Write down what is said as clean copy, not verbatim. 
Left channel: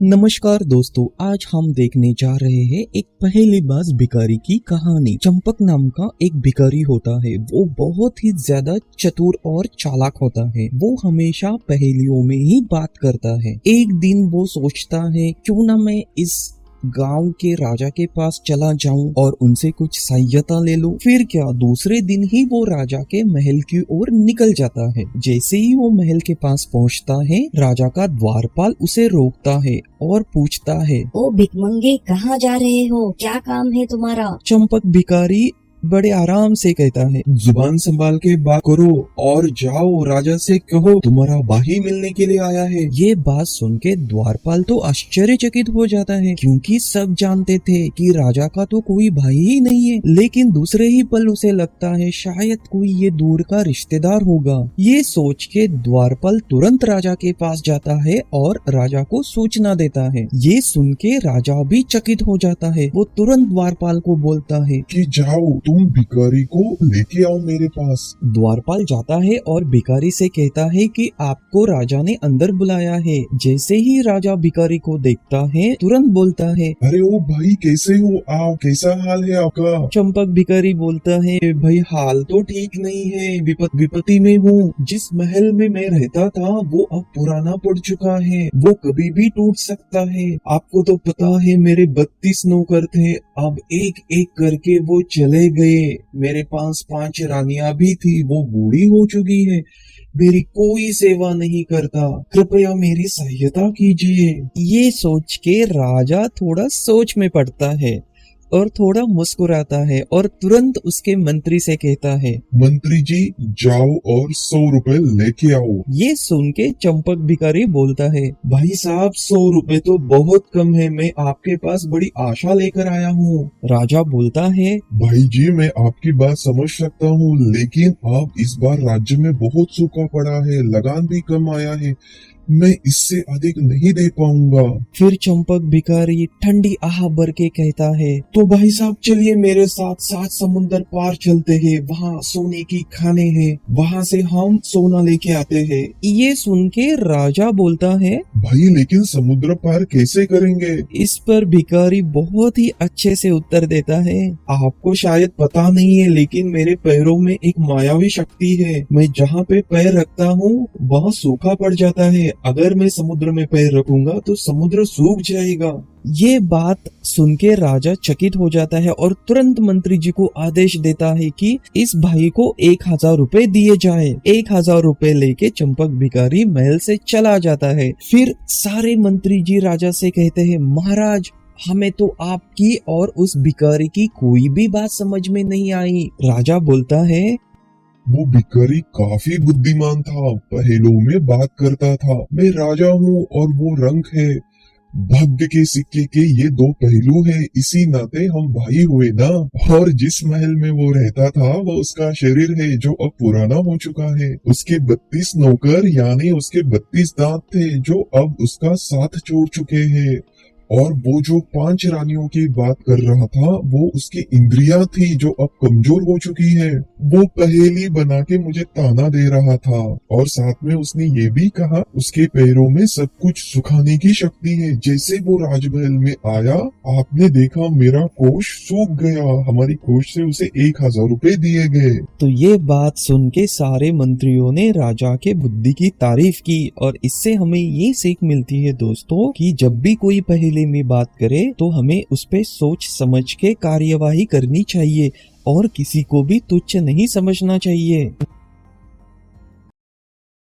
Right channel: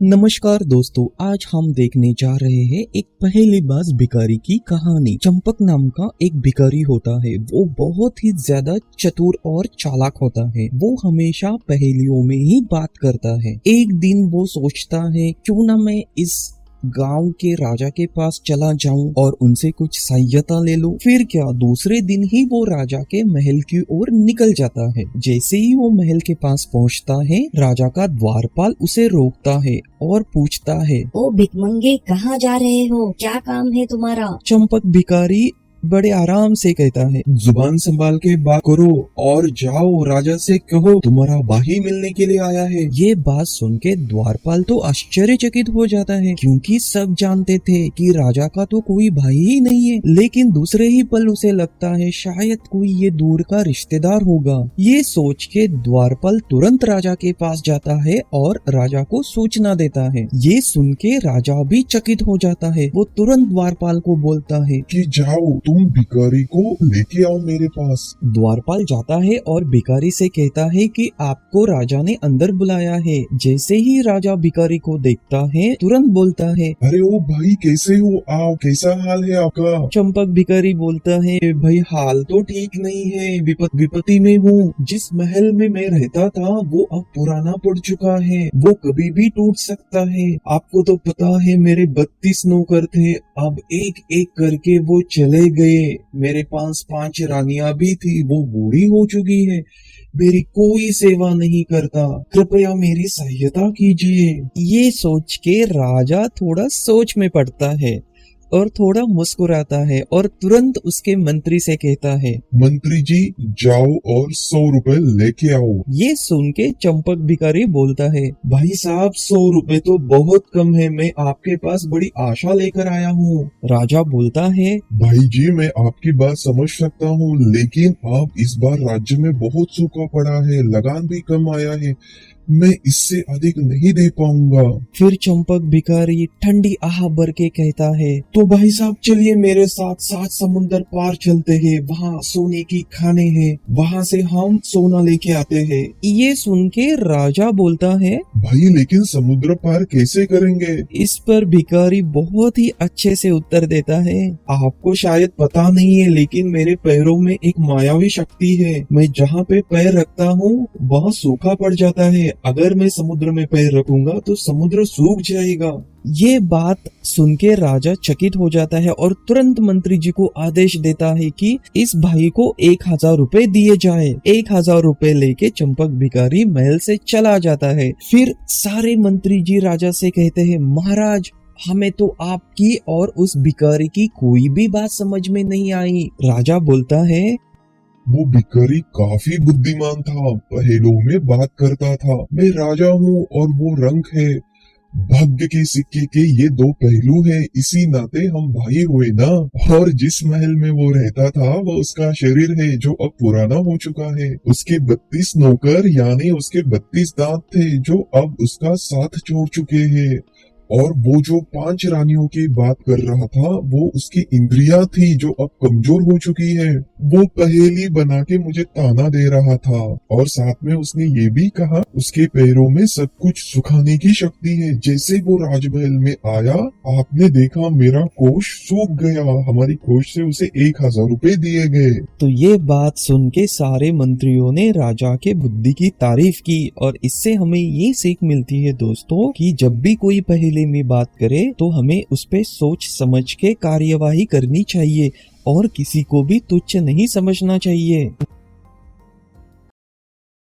नमस्कार दोस्तों, आज हम देखने जा रहे हैं एक पहेलीबाज भिखारी की कहानी। चंपक नाम का एक भिखारी होता है। वो बहुत ही ज्यादा चतुर और चालाक होता है। वो हमेशा पहेलियों में ही बात करता है। एक दिन वो सोचता है, क्यों ना मैं इस गांव के राजा के पास चला जाऊं और उनसे कुछ सहायता ले लूं। फिर क्या, दूसरे दिन ही वो राजा के महल की ओर निकल जाता है। जैसे ही वो महल के पास पहुंचता है, राजा का द्वारपाल उसे रोकता है और पूछता है, ओ भिखमंगे, कहाँ जा रहे हो? क्या काम है तुम्हारा? चंपक भिखारी बड़े आराम से कहता है, जुबान संभाल के बात करो और जाओ, राजा से कहो तुम्हारा भाई मिलने के लिए आया है। ये बात सुन के द्वारपाल तो आश्चर्यचकित हो जाता है, क्योंकि सब जानते थे कि राजा का तो कोई भाई ही नहीं है। लेकिन दूसरे ही पल उसे लगता है शायद कोई ये दूर का रिश्तेदार होगा। ये सोच के द्वारपाल तुरंत राजा के पास जाता है और राजा को सूचना देता है। ये सुन के राजा भी चकित हो जाता है। वो तुरंत द्वारपाल को बोलता है कि जाओ, तुम भिखारी को लेके आओ मेरे पास। द्वारपाल जाता है और भिखारी से कहता है कि आपको राजा ने अंदर बुलाया है। जैसे ही राजा भिखारी को देखता है, तुरंत बोलता है, अरे ओ भाई, कैसे हो? आओ, कैसा हाल है आपका? चंपक भिखारी बोलता है, भाई हाल तो ठीक नहीं है, विपत्ति में हूँ। जिस महल में मैं रहता था वो अब पुराना पड़ चुका है, वो कभी भी टूट सकता है। आपको तो पता है मेरे 32 नौकर थे, अब एक एक करके वो चले गए। मेरे पास 5 रानियां भी थी, वो बूढ़ी हो चुकी है, मेरी कोई सेवा नहीं करता, कृपया मेरी सहायता कीजिए। ये सोच के राजा थोड़ा सोच में पड़ता है और थोड़ा मुस्कुराता है और तुरंत उसके मंत्री से कहता है, मंत्री जी, जाओ और 100 रुपए लेके आओ। ये सुन के चंपक भिखारी बोलता है, भाई साहब 100 रुपए तो बहुत कम है, मैं आपके पास बड़ी आशा लेकर आया हूँ। राजा बोलता है, भाई जी, मैं आपकी बात समझ सकता हूँ, लेकिन अब इस बार राज्य में बहुत सूखा पड़ा है, लगान भी कम आया है, मैं इससे अधिक नहीं दे पाऊंगा। फिर चंपक भिखारी ठंडी आह भर के कहता है, तो भाई साहब चलिए मेरे साथ साथ समुद्र पार चलते हैं, वहाँ सोने की खाने हैं, वहाँ से हम सोना लेके आते हैं। ये सुन के राजा बोलता है, भाई लेकिन समुद्र पार कैसे करेंगे? इस पर भिखारी बहुत ही अच्छे से उत्तर देता है, आपको शायद पता नहीं है, लेकिन मेरे पैरों में एक मायावी शक्ति है। मैं जहाँ पे पैर रखता हूँ वहाँ सूखा पड़ जाता है, अगर मैं समुद्र में पैर रखूंगा तो समुद्र सूख जाएगा। ये बात सुन के राजा चकित हो जाता है और तुरंत मंत्री जी को आदेश देता है कि इस भाई को 1000 रुपए दिए जाए। 1000 रुपए लेके चंपक भिखारी महल से चला जाता है। फिर सारे मंत्री जी राजा से कहते हैं, महाराज हमें तो आपकी और उस भिखारी की कोई भी बात समझ में नहीं आई। राजा बोलता है, वो भिखारी काफी बुद्धिमान था, पहेलों में बात करता था। मैं राजा हूँ और वो रंक है। भाग्य के सिक्के के ये 2 पहलू है, इसी नाते हम भाई हुए ना। और जिस महल में वो रहता था वो उसका शरीर है, जो अब पुराना हो चुका है। उसके 32 नौकर यानी उसके 32 दांत थे, जो अब उसका साथ छोड़ चुके हैं। और वो जो 5 रानियों की बात कर रहा था, वो उसकी इंद्रियां थी, जो अब कमजोर हो चुकी है। वो पहेली बना के मुझे ताना दे रहा था, और साथ में उसने ये भी कहा उसके पैरों में सब कुछ सुखाने की शक्ति है। जैसे वो राजमहल में आया, आपने देखा मेरा कोष सूख गया, हमारी कोष से उसे 1000 रुपए दिए गए। तो ये बात सुन के सारे मंत्रियों ने राजा के बुद्धि की तारीफ की। और इससे हमें ये सीख मिलती है दोस्तों, कि जब भी कोई पहेली में बात करे तो हमें उस पे सोच समझ के कार्यवाही करनी चाहिए और किसी को भी तुच्छ नहीं समझना चाहिए।